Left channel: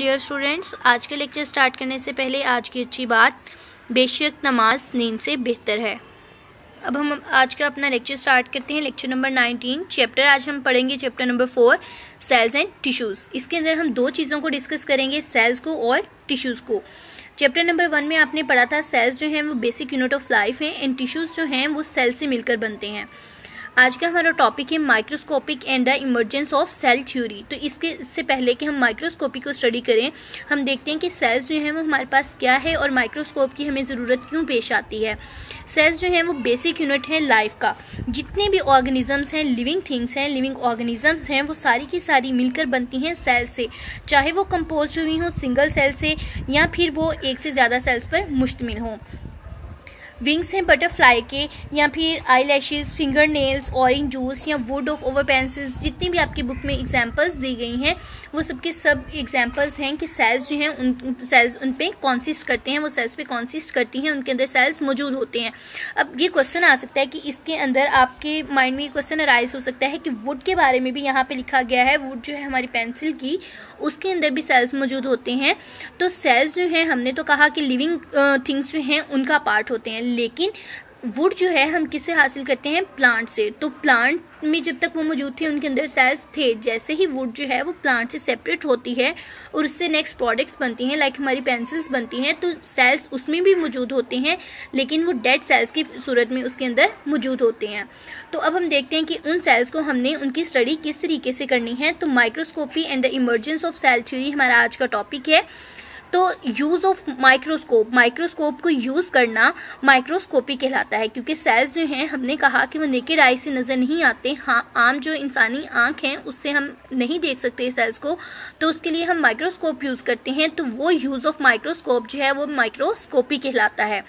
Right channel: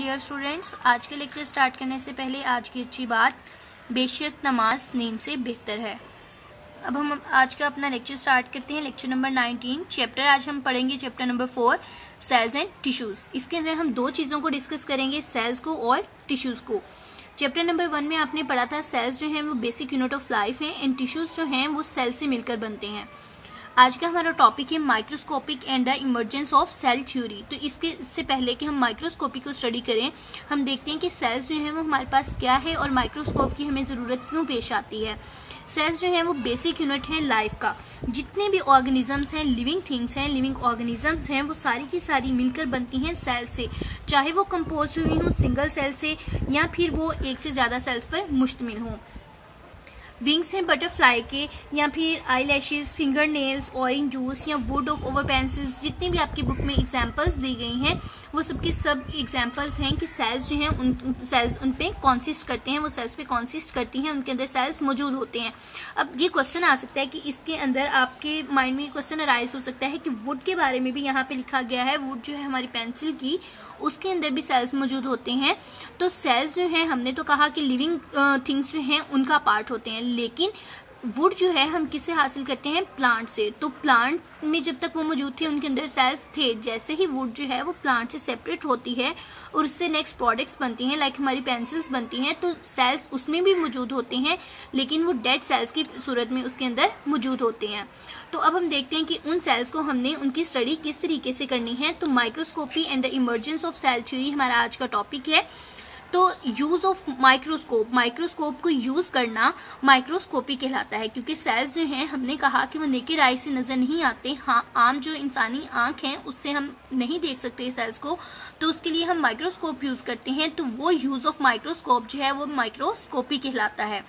Dear students, आज के lecture start करने से पहले आज की अच्छी बात, बेशक नमाज नींद से बेहतर है। अब हम आज का अपना लेक्चर स्टार्ट करते हैं। लेक्चर नंबर 19 चैप्टर आज हम पढ़ेंगे chapter number 4 cells and tissues. इसके अंदर हम दो चीज़ों को डिस्कस करेंगे, सेल्स को और टिश्यूज़ को। चैप्टर नंबर 1 में आपने पढ़ा था सेल्स जो हैं वो बेसिक यूनिट ऑफ लाइफ हैं एंड टिश्यूज़ जो हैं वो सेल से मिलकर बनते हैं। आज का हमारा टॉपिक है microscopic and the emergence of cell theory. तो इससे पहले कि हम माइक्रोस्कोपी को स्टडी करें, हम देखते हैं कि सेल्स जो हैं वो हमारे पास क्या है और माइक्रोस्कोप की हमें ज़रूरत क्यों पेश आती है। सेल्स जो हैं वो बेसिक यूनिट हैं लाइफ का। जितने भी ऑर्गेनिजम्स हैं, लिविंग थिंग्स हैं, लिविंग ऑर्गेनिजम्स हैं, वो सारी की सारी मिलकर बनती हैं सेल से, चाहे वो कंपोज हुई हो सिंगल सेल से या फिर वो एक से ज़्यादा सेल्स पर मुश्तमिल हों। विंग्स हैं बटरफ्लाई के, या फिर eye lashes, finger nails, orange juice या वुड ऑफ ओवर पेंसिल्स, जितनी भी आपकी बुक में एग्जांपल्स दी गई हैं वो सबके सब एग्जांपल्स हैं कि सेल्स जो हैं उन पे कॉन्सिस्ट करते हैं, वो सेल्स पे कॉन्सिस्ट करती हैं, उनके अंदर सेल्स मौजूद होते हैं। अब ये क्वेश्चन आ सकता है कि इसके अंदर आपके माइंड में क्वेश्चन अराइज हो सकता है कि वुड के बारे में भी यहाँ पे लिखा गया है, वुड जो है हमारी पेंसिल की, उसके अंदर भी सेल्स मौजूद होते हैं। तो सेल्स जो हैं, हमने तो कहा कि लिविंग थिंग्स जो हैं उनका पार्ट होते हैं, लेकिन वुड जो है हम किससे हासिल करते हैं? प्लांट से। तो प्लांट में जब तक वो मौजूद थे उनके अंदर सेल्स थे। जैसे ही वुड जो है वो प्लांट से सेपरेट होती है और उससे नेक्स्ट प्रोडक्ट्स बनती हैं, लाइक हमारी पेंसिल्स बनती हैं, तो सेल्स उसमें भी मौजूद होते हैं, लेकिन वो डेड सेल्स की सूरत में उसके अंदर मौजूद होते हैं। तो अब हम देखते हैं कि उन सेल्स को हमने उनकी स्टडी किस तरीके से करनी है। तो microscopy and the emergence of cell theory हमारा आज का टॉपिक है। तो यूज़ ऑफ माइक्रोस्कोप, माइक्रोस्कोप को यूज़ करना माइक्रोस्कोपी कहलाता है, क्योंकि सेल्स जो हैं हमने कहा कि वो नेकेड आई से नज़र नहीं आते। हाँ, आम जो इंसानी आँख है उससे हम नहीं देख सकते सेल्स को, तो उसके लिए हम माइक्रोस्कोप यूज़ करते हैं। तो वो यूज़ ऑफ माइक्रोस्कोप जो है वो माइक्रोस्कोपी कहलाता है।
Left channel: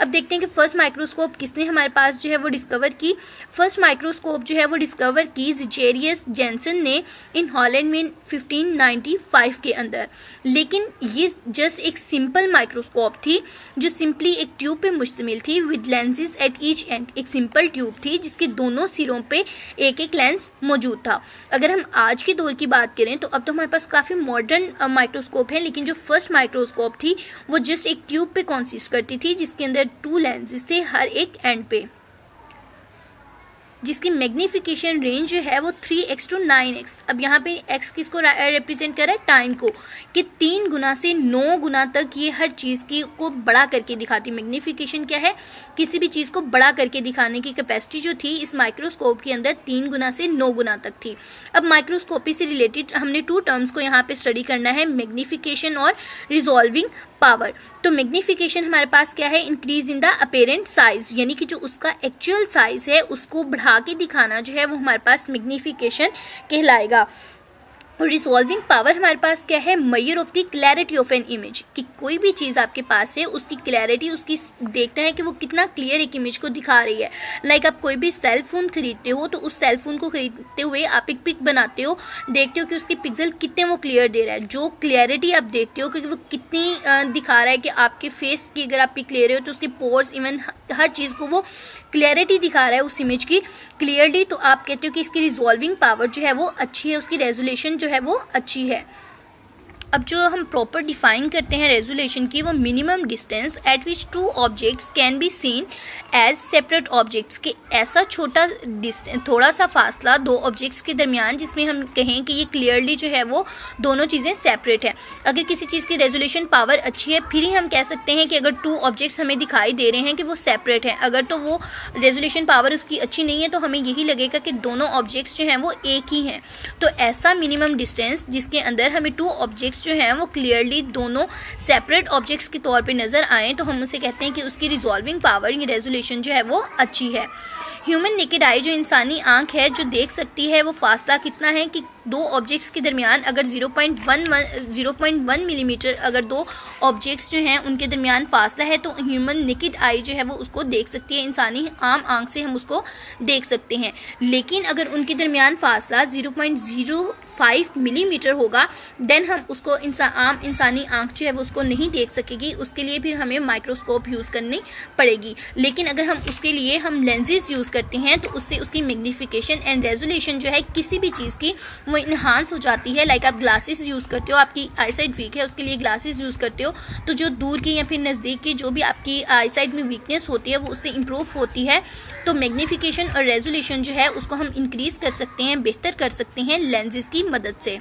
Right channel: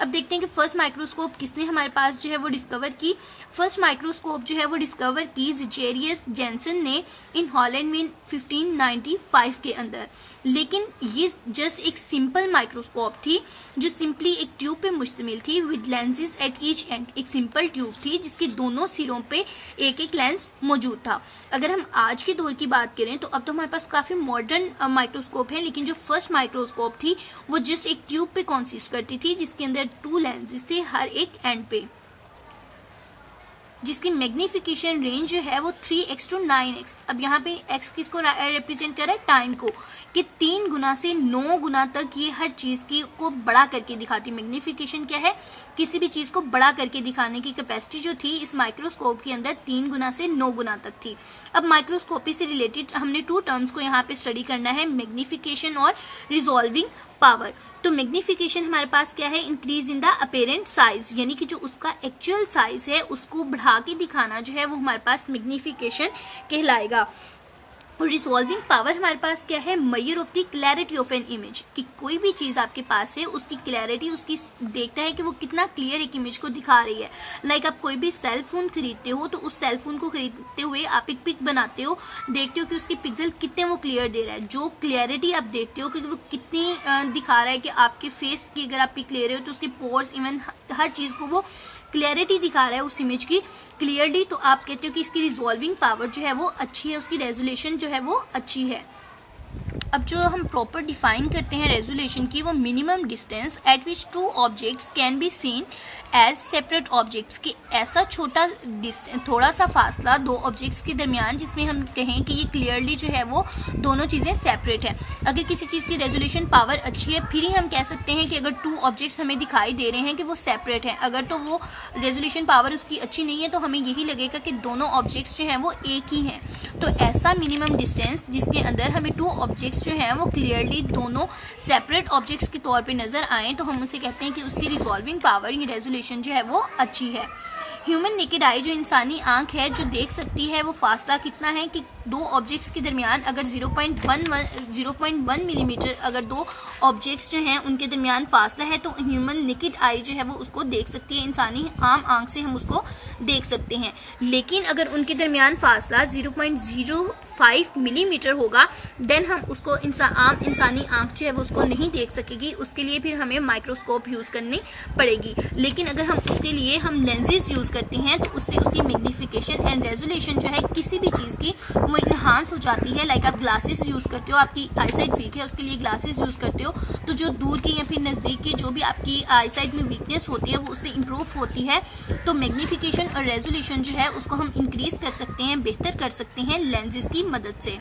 अब देखते हैं कि फर्स्ट माइक्रोस्कोप किसने हमारे पास जो है वो डिस्कवर की। फर्स्ट माइक्रोस्कोप जो है वो डिस्कवर की ज़ेचेरियस जेनसन ने इन हॉलैंड में 1595 के अंदर। लेकिन ये जस्ट एक सिंपल माइक्रोस्कोप थी जो सिंपली एक ट्यूब पे मुश्तमिल थी with lenses at each and. एक सिंपल ट्यूब थी जिसके दोनों सिरों पे एक एक लेंस मौजूद था। अगर हम आज के दौर की बात करें तो अब तो हमारे पास काफ़ी मॉडर्न माइक्रोस्कोप है, लेकिन जो फर्स्ट माइक्रोस्कोप थी वो जस्ट एक ट्यूब पे कॉन्सिस्ट करती थी जिसके अंदर 2 लेंसेज थे हर एक एंड पे, जिसकी मैग्निफिकेशन रेंज जो है वो 3x to 9x। अब यहाँ पे x किसको रिप्रेजेंट कर रहा है? टाइम को, कि 3 गुना से 9 गुना तक ये हर चीज़ की को बड़ा करके दिखाती। मैग्निफिकेशन क्या है? किसी भी चीज़ को बड़ा करके दिखाने की कैपेसिटी जो थी इस माइक्रोस्कोप के अंदर 3 गुना से 9 गुना तक थी। अब माइक्रोस्कोपी से रिलेटेड हमने 2 टर्म्स को यहाँ पे स्टडी करना है, मैग्निफिकेशन और रिजॉल्विंग पावर। तो मैग्निफिकेशन हमारे पास क्या है? Increase in the apparent size, यानी कि जो उसका एक्चुअल साइज है उसको बढ़ा के दिखाना जो है वो हमारे पास मैग्निफिकेशन कहलाएगा। और रिजॉल्विंग पावर हमारे पास क्या है? Measure of the clarity of an image, कि कोई भी चीज़ आपके पास है उसकी क्लैरिटी, उसकी देखते हैं कि वो कितना क्लियर एक इमेज को दिखा रही है। लाइक आप कोई भी सेल फोन खरीदते हो तो उस सेल फोन को खरीदते हुए आप एक पिक बनाते हो, देखते हो कि उसके पिक्सल कितने वो क्लियर दे रहा है। जो क्लियरिटी आप देखते हो कि वो कितनी दिखा रहा है, कि आपके फेस की अगर आप पिक ले रहे हो तो उसके पोर्स, इवन हर चीज़ को वो क्लियरिटी दिखा रहा है उस इमेज की क्लियरली, तो आप कहते हो कि इसकी रिजॉल्विंग पावर जो है वो अच्छी है, उसकी रेजोल्यूशन जो है वो अच्छी है। अब जो हम प्रॉपर डिफाइन करते हैं रेजोल्यूशन की, वो minimum distance at which 2 objects can be seen as separate objects, के ऐसा छोटा थोड़ा सा फासला 2 ऑब्जेक्ट्स के दरमियान जिसमें हम कहें कि ये क्लियरली जो है वो दोनों चीज़ें सेपरेट है। अगर किसी चीज़ की रेजोल्यूशन पावर अच्छी है फिर ही हम कह सकते हैं कि अगर 2 ऑब्जेक्ट्स हमें दिखाई दे रहे हैं कि वो सेपरेट हैं। अगर तो वो रेजोल्यूशन पावर उसकी अच्छी नहीं है तो हमें यही लगेगा कि दोनों ऑब्जेक्ट्स जो हैं वो एक ही हैं। तो ऐसा मिनिमम डिस्टेंस जिसके अंदर हमें 2 ऑब्जेक्ट्स जो हैं वो क्लियरली दोनों सेपरेट ऑब्जेक्ट्स के तौर पे नज़र आएँ तो हम उसे कहते हैं कि उसकी रिजॉल्विंग पावर या रेजोल्यूशन जो है वो अच्छी है। ह्यूमन नेकेड आई, जो इंसानी आंख है जो देख सकती है, वो फासला कितना है कि 2 ऑब्जेक्ट्स के दरमियान अगर 0.1 मिलीमीटर अगर 2 ऑब्जेक्ट्स जो हैं उनके दरमियान फासला है तो ह्यूमन नेकेड आई जो है वो उसको देख सकती है। इंसानी आम आंख से हम उसको देख सकते हैं, लेकिन अगर उनके दरमियान फासला 0.05 मिलीमीटर होगा देन हम उसको आम इंसानी आंख जो है वो उसको नहीं देख सकेगी। उसके लिए फिर हमें माइक्रोस्कोप यूज़ करनी पड़ेगी। लेकिन अगर हम उसके लिए हम लेंसेज यूज़ करते हैं तो उससे उसकी मैग्निफिकेशन एंड रेजोल्यूशन जो है किसी भी चीज़ की वो इन्हांस हो जाती है। लाइक आप ग्लासेस यूज़ करते हो, आपकी आई साइट वीक है, उसके लिए ग्लासेस यूज़ करते हो, तो जो दूर की या फिर नज़दीक की जो भी आपकी आई साइट में वीकनेस होती है वो उससे इम्प्रूव होती है। तो मैग्नीफिकेशन और रेजोल्यूशन जो है उसको हम इंक्रीज़ कर सकते हैं, बेहतर कर सकते हैं लेंसेज की मदद से।